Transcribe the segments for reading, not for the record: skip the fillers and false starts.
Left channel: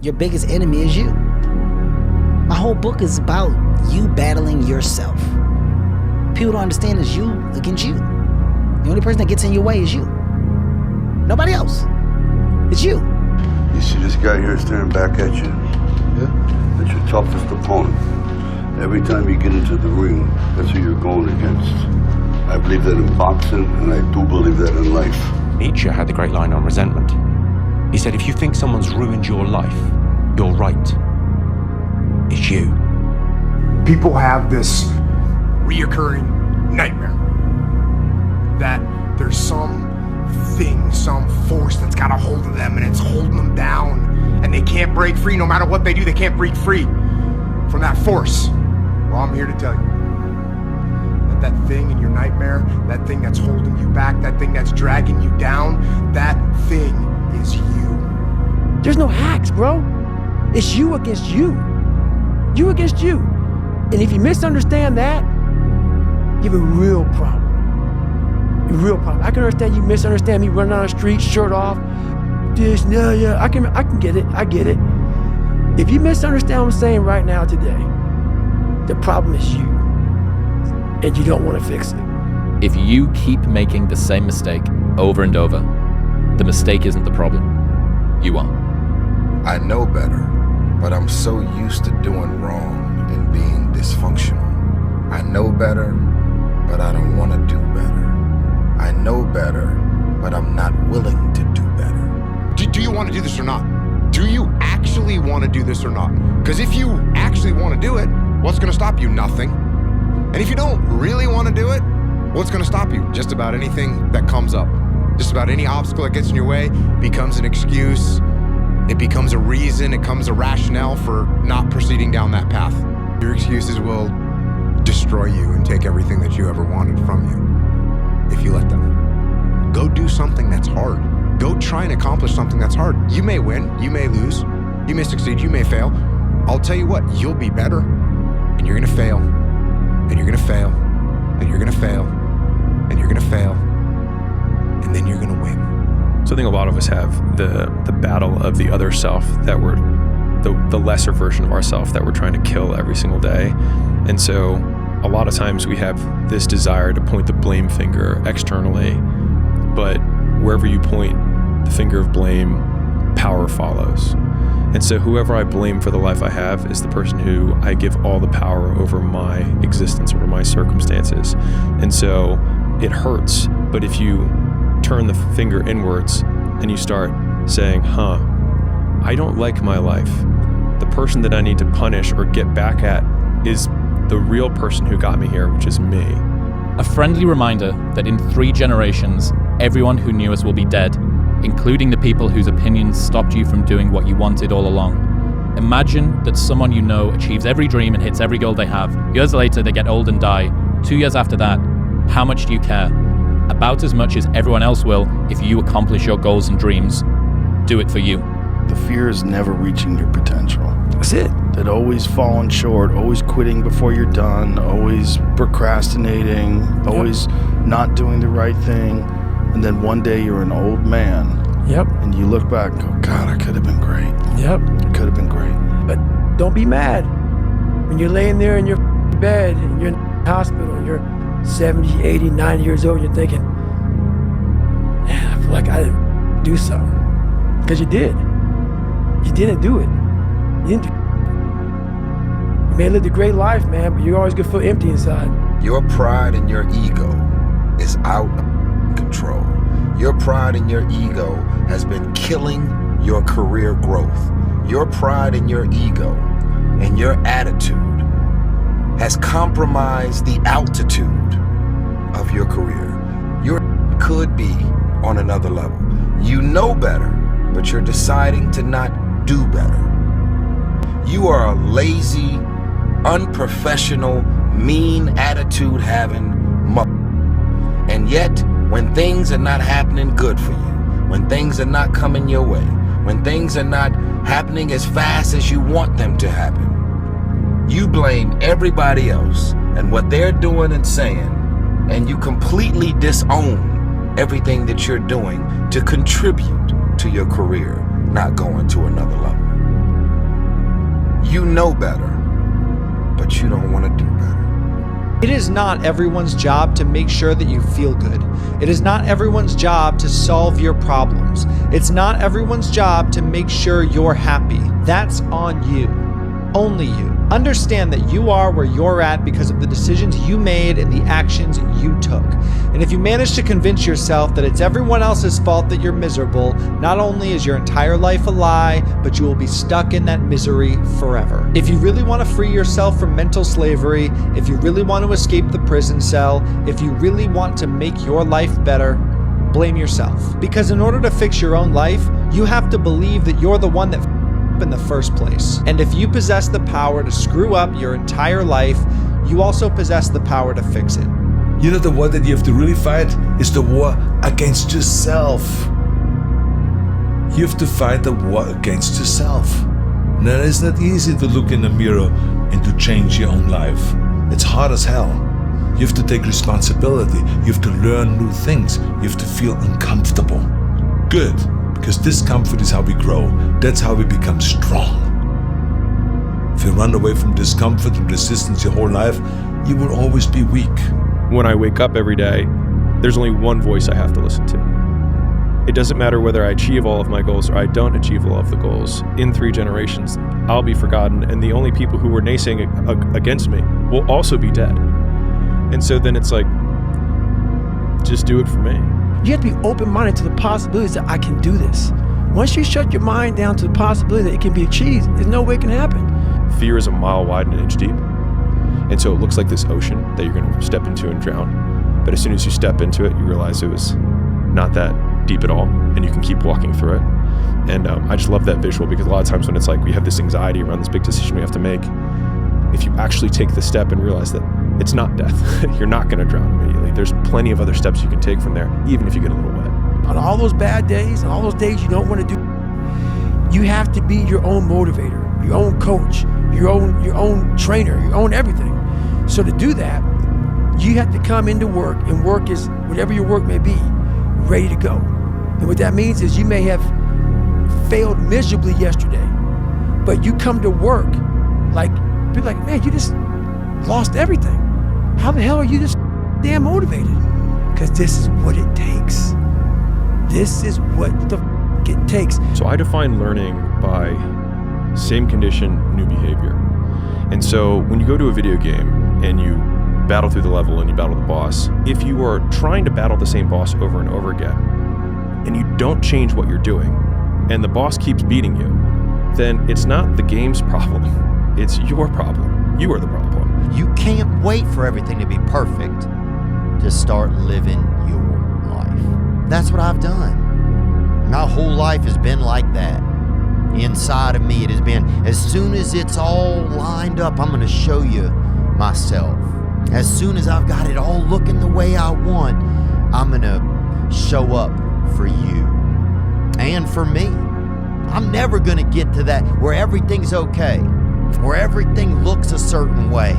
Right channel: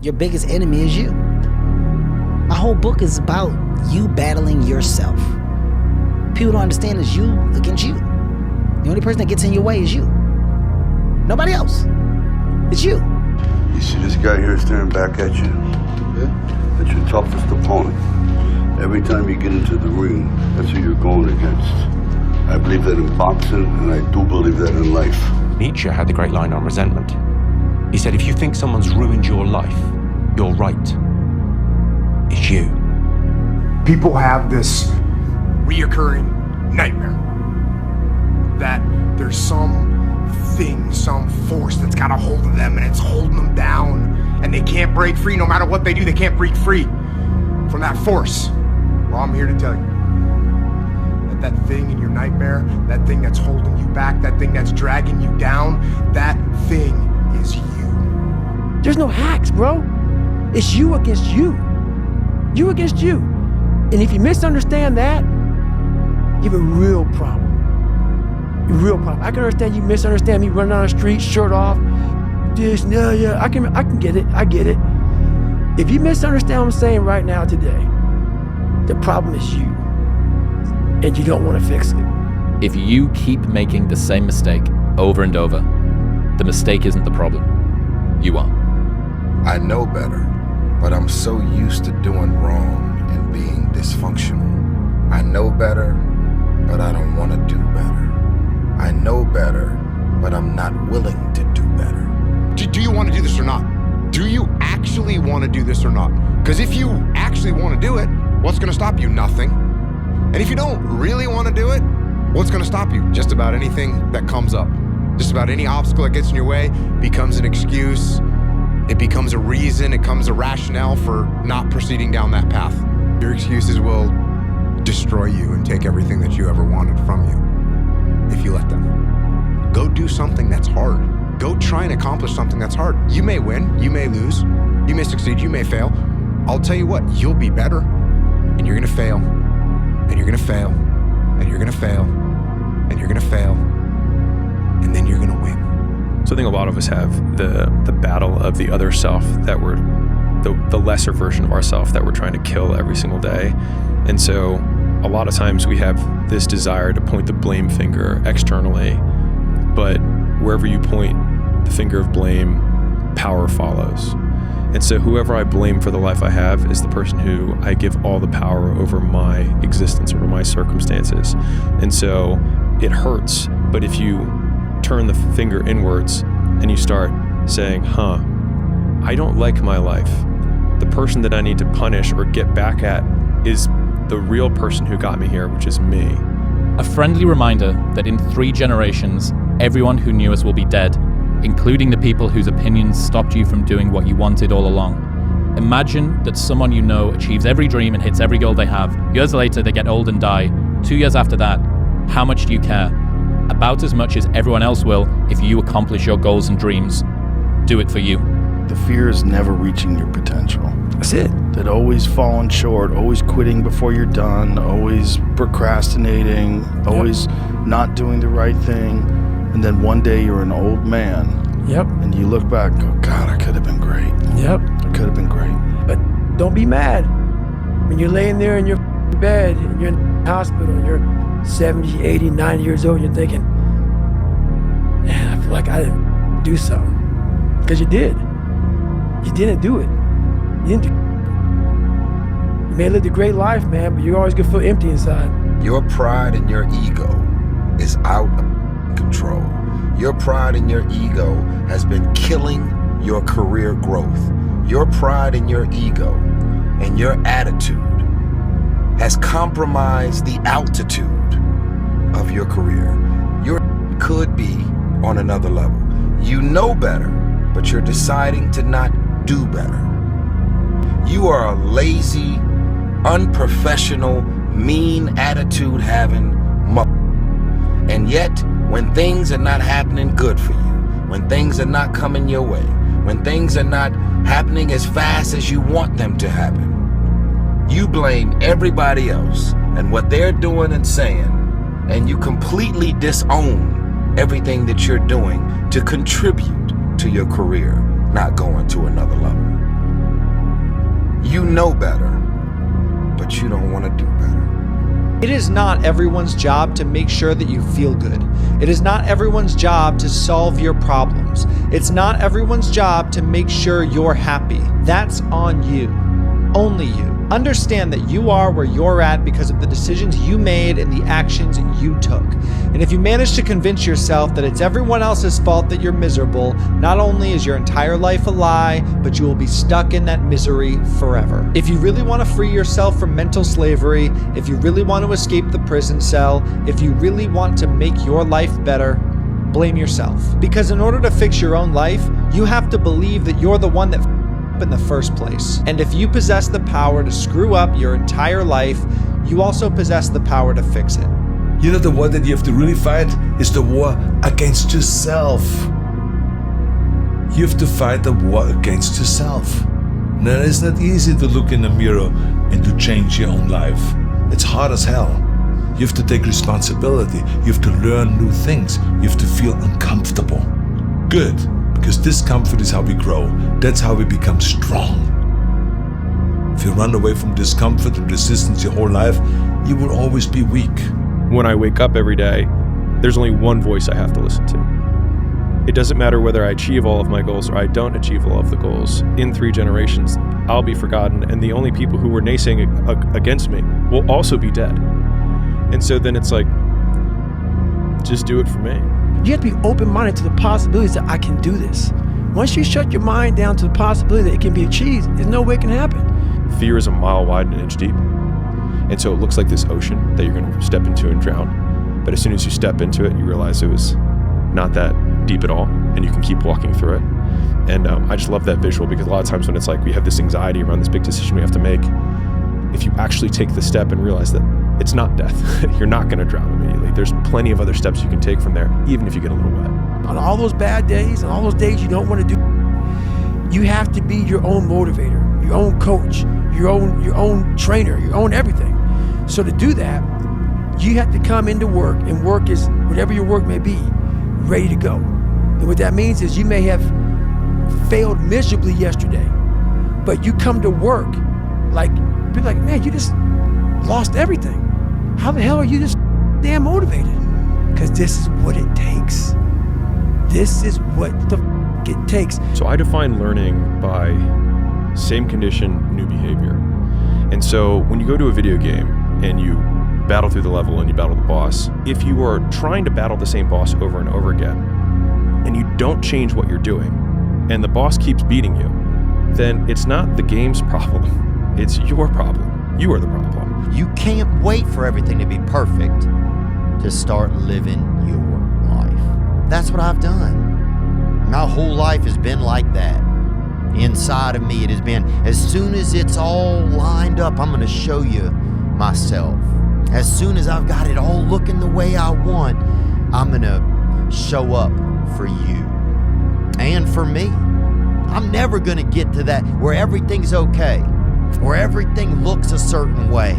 your biggest enemy is you. My whole book is about you battling yourself. People don't understand it's you against you. The only person that gets in your way is you. Nobody else. It's you. You see this guy here staring back at you? Yeah. That's your toughest opponent. Every time you get into the ring, that's who you're going against. I believe that in boxing, and I do believe that in life. Nietzsche had the great line on resentment. He said, if you think someone's ruined your life, you're right. It's you. People have this reoccurring nightmare that there's some thing, some force that's got a hold of them and it's holding them down and they can't break free. No matter what they do, they can't break free from that force. Well, I'm here to tell you that thing in your nightmare, that thing that's holding you back, that thing that's dragging you down, that thing is you. There's no hacks, bro. It's you against you. You against you. And if you misunderstand that, you have a real problem. A real problem. I can understand you misunderstand me running down the street, shirt off. This, yeah, I can get it. I get it. If you misunderstand what I'm saying right now today, the problem is you. And you don't want to fix it. If you keep making the same mistake over and over, the mistake isn't the problem. You are. I know better, but I'm so used to doing wrong and being dysfunctional. I know better, but I don't want to do better. I know better, but I'm not willing to do better. Do you want to do this or not? Do you actually want to do this or not? Because if you actually want to do it, what's going to stop you? Nothing. And if you don't really want to do it, what's going to stop you? Just about anything that comes up. Just about any obstacle that gets in your way becomes an excuse. It becomes a reason. It becomes a rationale for not proceeding down that path. Your excuses will destroy you and take everything that you ever wanted from you if you let them. Go do something that's hard. Go try and accomplish something that's hard. You may win, you may lose, you may succeed, you may fail. I'll tell you what, you'll be better, and you're gonna fail, and you're gonna fail, and you're gonna fail, and you're gonna fail, and then you're gonna win. So I think a lot of us have the battle of the other self that we're, the lesser version of ourself that we're trying to kill every single day. And so a lot of times we have this desire to point the blame finger externally, but wherever you point the finger of blame, power follows. And so whoever I blame for the life I have is the person who I give all the power over my existence, over my circumstances. And so it hurts, but if you turn the finger inwards and you start saying, I don't like my life. The person that I need to punish or get back at is the real person who got me here, which is me. A friendly reminder that in 3 generations, everyone who knew us will be dead, including the people whose opinions stopped you from doing what you wanted all along. Imagine that someone you know achieves every dream and hits every goal they have. Years later, they get old and die. 2 years after that, how much do you care? About as much as everyone else will if you accomplish your goals and dreams. Do it for you. The fear is never reaching your potential. That's it. That always falling short, always quitting before you're done, always procrastinating, always not doing the right thing. And then one day you're an old man. Yep. And you look back and go, God, I could have been great. Yep. I could have been great. But don't be mad. When you're laying there in your bed and you're in the hospital and you're 70, 80, 90 years old, and you're thinking, man, I feel like I didn't do something. Because you did. You didn't do it. You didn't do. You may have lived a great life, man, but you're always gonna feel empty inside. Your pride and your ego is out of control. Your pride and your ego has been killing your career growth. Your pride and your ego and your attitude has compromised the altitude of your career. You could be on another level. You know better, but you're deciding to not do better. You are a lazy, unprofessional, mean attitude having mother. And yet, when things are not happening good for you, when things are not coming your way, when things are not happening as fast as you want them to happen, you blame everybody else and what they're doing and saying, and you completely disown everything that you're doing to contribute to your career not going to another level. know better, but you don't want to do better. It is not everyone's job to make sure that you feel good. It is not everyone's job to solve your problems. It's not everyone's job to make sure you're happy. That's on you. Only you. Understand that you are where you're at because of the decisions you made and the actions you took. And if you manage to convince yourself that it's everyone else's fault that you're miserable, not only is your entire life a lie, but you will be stuck in that misery forever. If you really want to free yourself from mental slavery, if you really want to escape the prison cell, if you really want to make your life better, blame yourself. Because in order to fix your own life, you have to believe that you're the one that in the first place. And if you possess the power to screw up your entire life, you also possess the power to fix it. You know, the war that you have to really fight is the war against yourself. You have to fight the war against yourself. Now, it's not easy to look in the mirror and to change your own life. It's hard as hell. You have to take responsibility. You have to learn new things. You have to feel uncomfortable. Good. Because discomfort is how we grow. That's how we become strong. If you run away from discomfort and resistance your whole life, you will always be weak. When I wake up every day, there's only one voice I have to listen to. It doesn't matter whether I achieve all of my goals or I don't achieve all of the goals. In 3 generations, I'll be forgotten, and the only people who were naysaying against me will also be dead. And so then it's like, just do it for me. You have to be open-minded to the possibilities that I can do this. Once you shut your mind down to the possibility that it can be achieved, there's no way it can happen. Fear is a mile wide and an inch deep. And so it looks like this ocean that you're going to step into and drown. But as soon as you step into it, you realize it was not that deep at all, and you can keep walking through it. And I just love that visual, because a lot of times when it's like we have this anxiety around this big decision we have to make, if you actually take the step and realize that it's not death, you're not going to drown immediately. There's plenty of other steps you can take from there, even if you get a little wet. On all those bad days and all those days you don't want to do, you have to be your own motivator, your own coach, your own trainer, your own everything. So to do that, you have to come into work, and work is whatever your work may be, ready to go. And what that means is you may have failed miserably yesterday, but you come to work like, people like, man, you just lost everything. How the hell are you this damn motivated? Because this is what it takes. This is what the it takes. So I define learning by same condition, new behavior. And so when you go to a video game and you battle through the level and you battle the boss, if you are trying to battle the same boss over and over again, and you don't change what you're doing, and the boss keeps beating you, then it's not the game's problem. It's your problem. You are the problem. You can't wait for everything to be perfect to start living your life. That's what I've done. My whole life has been like that. Inside of me, it has been, as soon as it's all lined up, I'm going to show you myself. As soon as I've got it all looking the way I want, I'm going to show up for you and for me. I'm never going to get to that where everything's okay, where everything looks a certain way.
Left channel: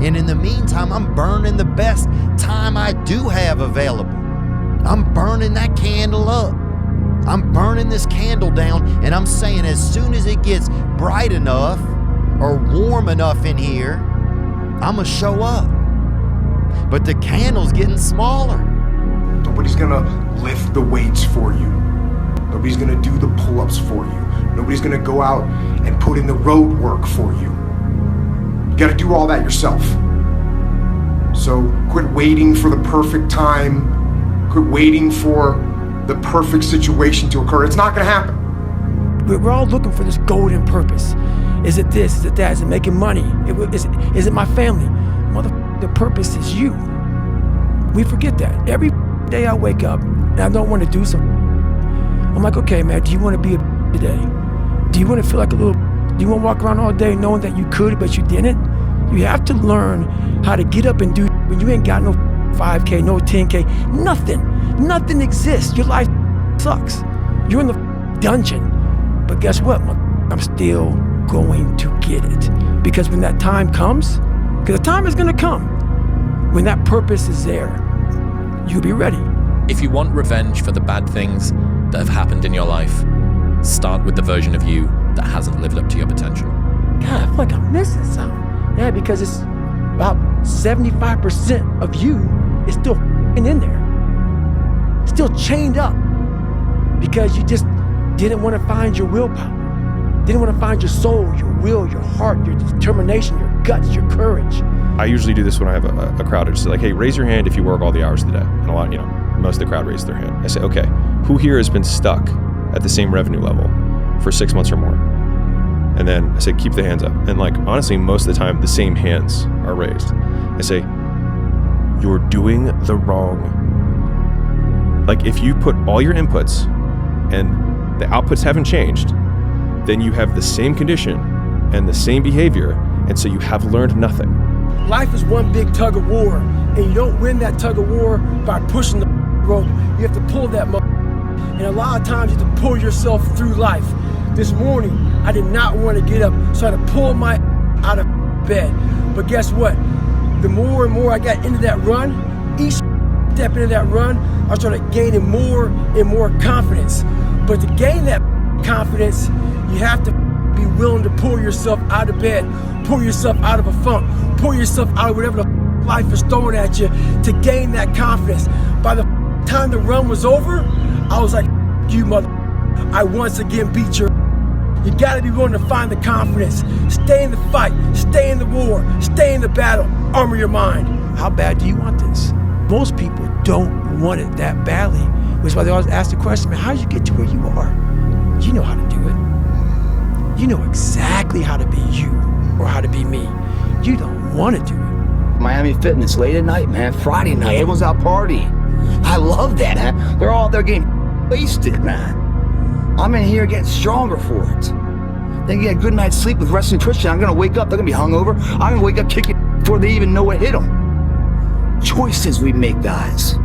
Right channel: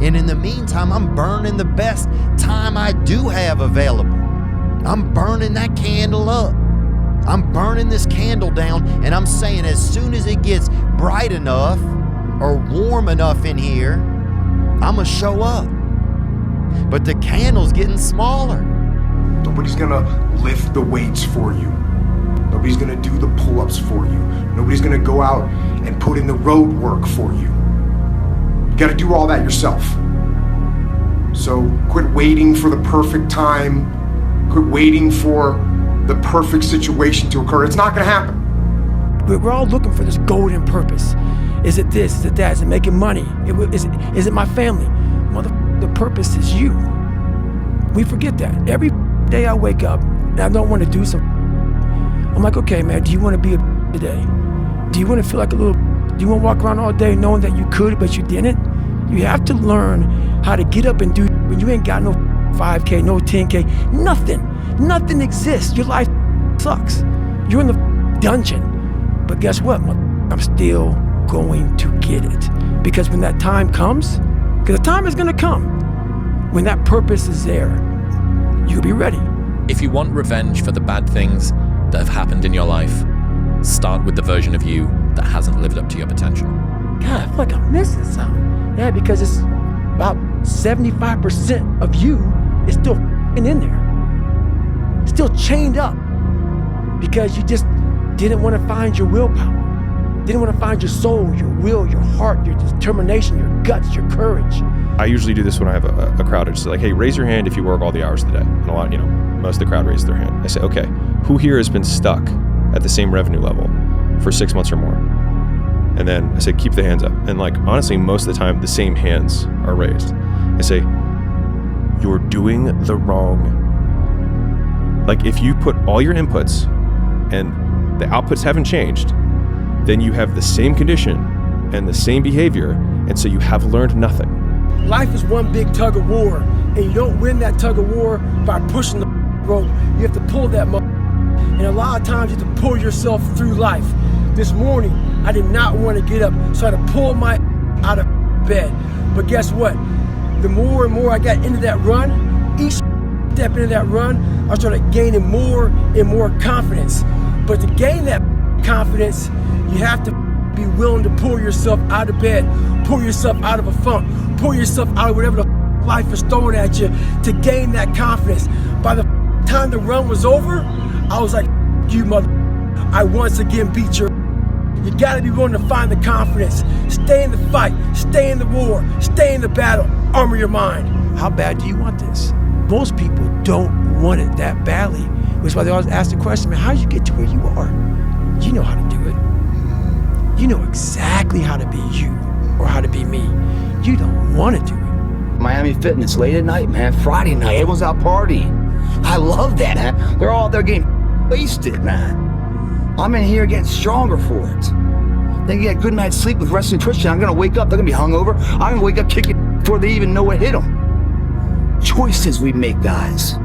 And in the meantime, I'm burning the best time I do have available. I'm burning that candle up. I'm burning this candle down, and I'm saying as soon as it gets bright enough or warm enough in here, I'm gonna show up. But the candle's getting smaller. Nobody's gonna lift the weights for you. Nobody's gonna do the pull-ups for you. Nobody's gonna go out and put in the road work for you. You gotta do all that yourself. So quit waiting for the perfect time. Quit waiting for the perfect situation to occur. It's not gonna happen. We're all looking for this golden purpose. Is it this? Is it that? Is it making money? Is it my family? The purpose is you. We forget that. Every day I wake up and I don't want to do something. I'm like, okay, man, do you want to be a today? Do you want to feel like a little? Do you want to walk around all day knowing that you could, but you didn't? You have to learn how to get up and do when you ain't got no 5K, no 10K, nothing. Nothing exists. Your life sucks. You're in the dungeon. But guess what? I'm still going to get it. Because when that time comes, because the time is going to come, when that purpose is there, you'll be ready. If you want revenge for the bad things that have happened in your life, start with the version of you that hasn't lived up to your potential. God, I feel like I'm missing something. Yeah, because it's about 75% of you is still in there, still chained up, because you just didn't want to find your willpower, didn't want to find your soul, your will, your heart, your determination, your guts, your courage. I usually do this when I have a crowd. It's like, hey, raise your hand if you work all the hours of the day. And a lot, most of the crowd raises their hand. I say, okay, who here has been stuck at the same revenue level for 6 months or more? And then I say, keep the hands up. And like, honestly, most of the time, the same hands are raised. I say, you're doing the wrong. Like, if you put all your inputs and the outputs haven't changed, then you have the same condition and the same behavior, and so you have learned nothing. Life is one big tug of war, and you don't win that tug of war by pushing the rope. You have to pull that and a lot of times you have to pull yourself through life. This morning, I did not want to get up, so I had to pull my out of bed. But guess what? The more and more I got into that run, each step into that run, I started gaining more and more confidence. But to gain that confidence, you have to be willing to pull yourself out of bed, pull yourself out of a funk, pull yourself out of whatever the life is throwing at you to gain that confidence. By the time the run was over, I was like, you mother, I once again beat your. You gotta be willing to find the confidence. Stay in the fight, stay in the war, stay in the battle, armor your mind. How bad do you want this? Most people don't want it that badly, which is why they always ask the question, man, how did you get to where you are? You know how to do it. You know exactly how to be you or how to be me. You don't want to do it. Miami Fitness, late at night, man, Friday night, everyone's out partying. I love that, man. They're all there getting wasted, man. I'm in here getting stronger for it. Then get a good night's sleep with rest and nutrition. I'm gonna wake up, they're gonna be hungover. I'm gonna wake up kicking before they even know what hit them. Choices we make, guys,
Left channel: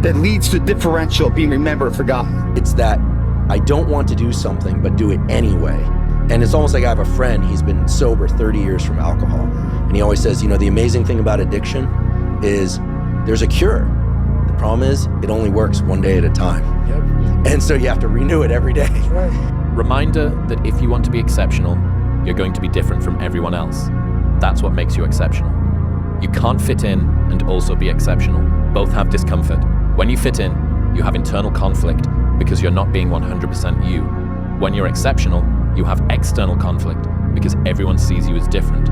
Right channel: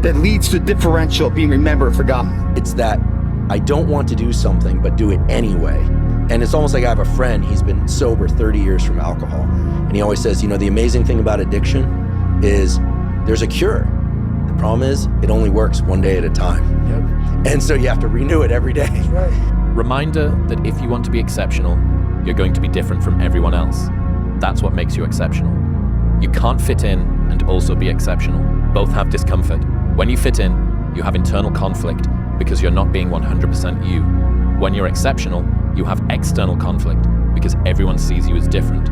that leads to differential being remembered and forgotten. It's that I don't want to do something, but do it anyway. And it's almost like I have a friend, he's been sober 30 years from alcohol. And he always says, the amazing thing about addiction is there's a cure. The problem is it only works one day at a time. Yep. And so you have to renew it every day. That's right. Reminder that if you want to be exceptional, you're going to be different from everyone else. That's what makes you exceptional. You can't fit in and also be exceptional. Both have discomfort. When you fit in, you have internal conflict because you're not being 100% you. When you're exceptional, you have external conflict because everyone sees you as different.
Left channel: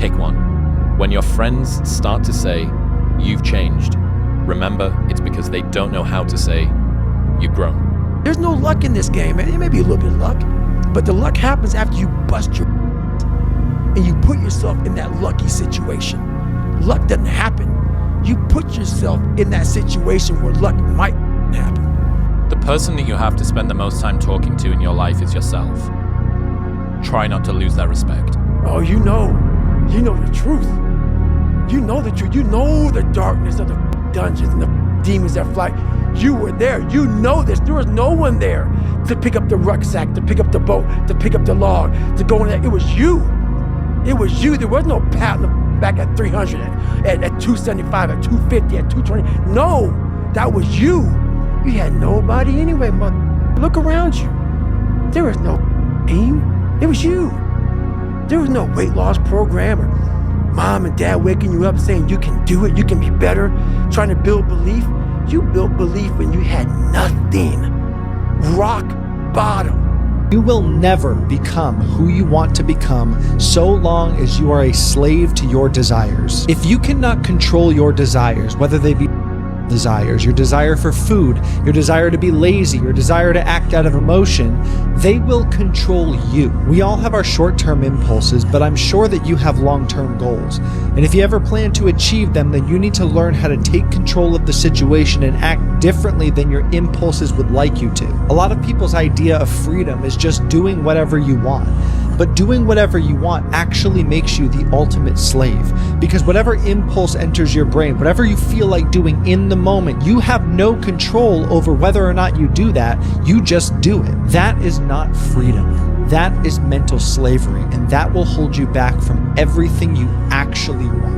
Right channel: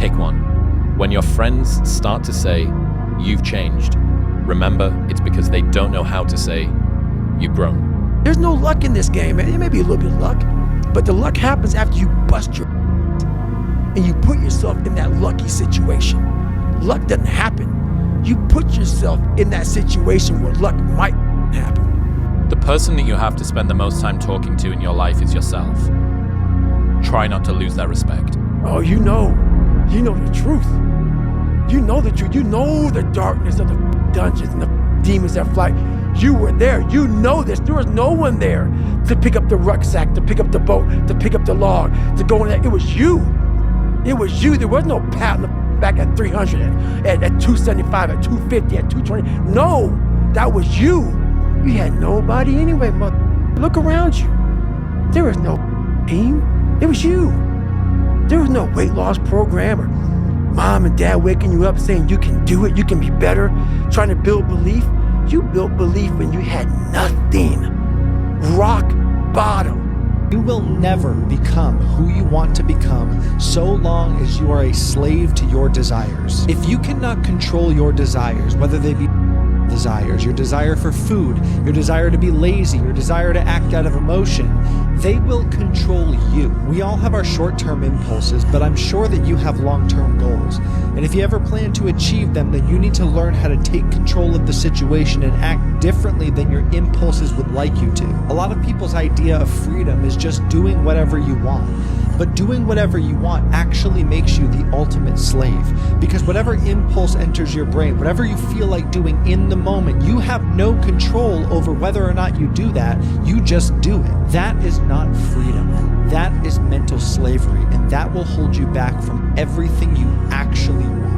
Pick one. When your friends start to say, you've changed, remember it's because they don't know how to say, you've grown. There's no luck in this game, man. It may be a little bit of luck, but the luck happens after you bust your and you put yourself in that lucky situation. Luck doesn't happen. You put yourself in that situation where luck might happen. The person that you have to spend the most time talking to in your life is yourself. Try not to lose that respect. Oh, you know the truth. You know the truth. You know the darkness of the dungeons and the demons that fly. You were there. You know this. There was no one there to pick up the rucksack, to pick up the boat, to pick up the log, to go in there. It was you. It was you. There was no pat on the back at 300, at 275, at 250, at 220. No, that was you. You had nobody anyway, mother. Look around you. There was no team. It was you. There was no weight loss program or mom and dad waking you up saying you can do it, you can be better, trying to build belief. You built belief when you had nothing. Rock bottom. You will never become who you want to become so long as you are a slave to your desires. If you cannot control your desires, whether they be desires, your desire for food, your desire to be lazy, your desire to act out of emotion, they will control you. We all have our short-term impulses, but I'm sure that you have long-term goals. And if you ever plan to achieve them, then you need to learn how to take control of the situation and act differently than your impulses would like you to. A lot of people's idea of freedom is just doing whatever you want. But doing whatever you want actually makes you the ultimate slave, because whatever impulse enters your brain, whatever you feel like doing in the moment, you have no control over whether or not you do that. You just do it. That is not freedom. That is mental slavery, and that will hold you back from everything you actually want.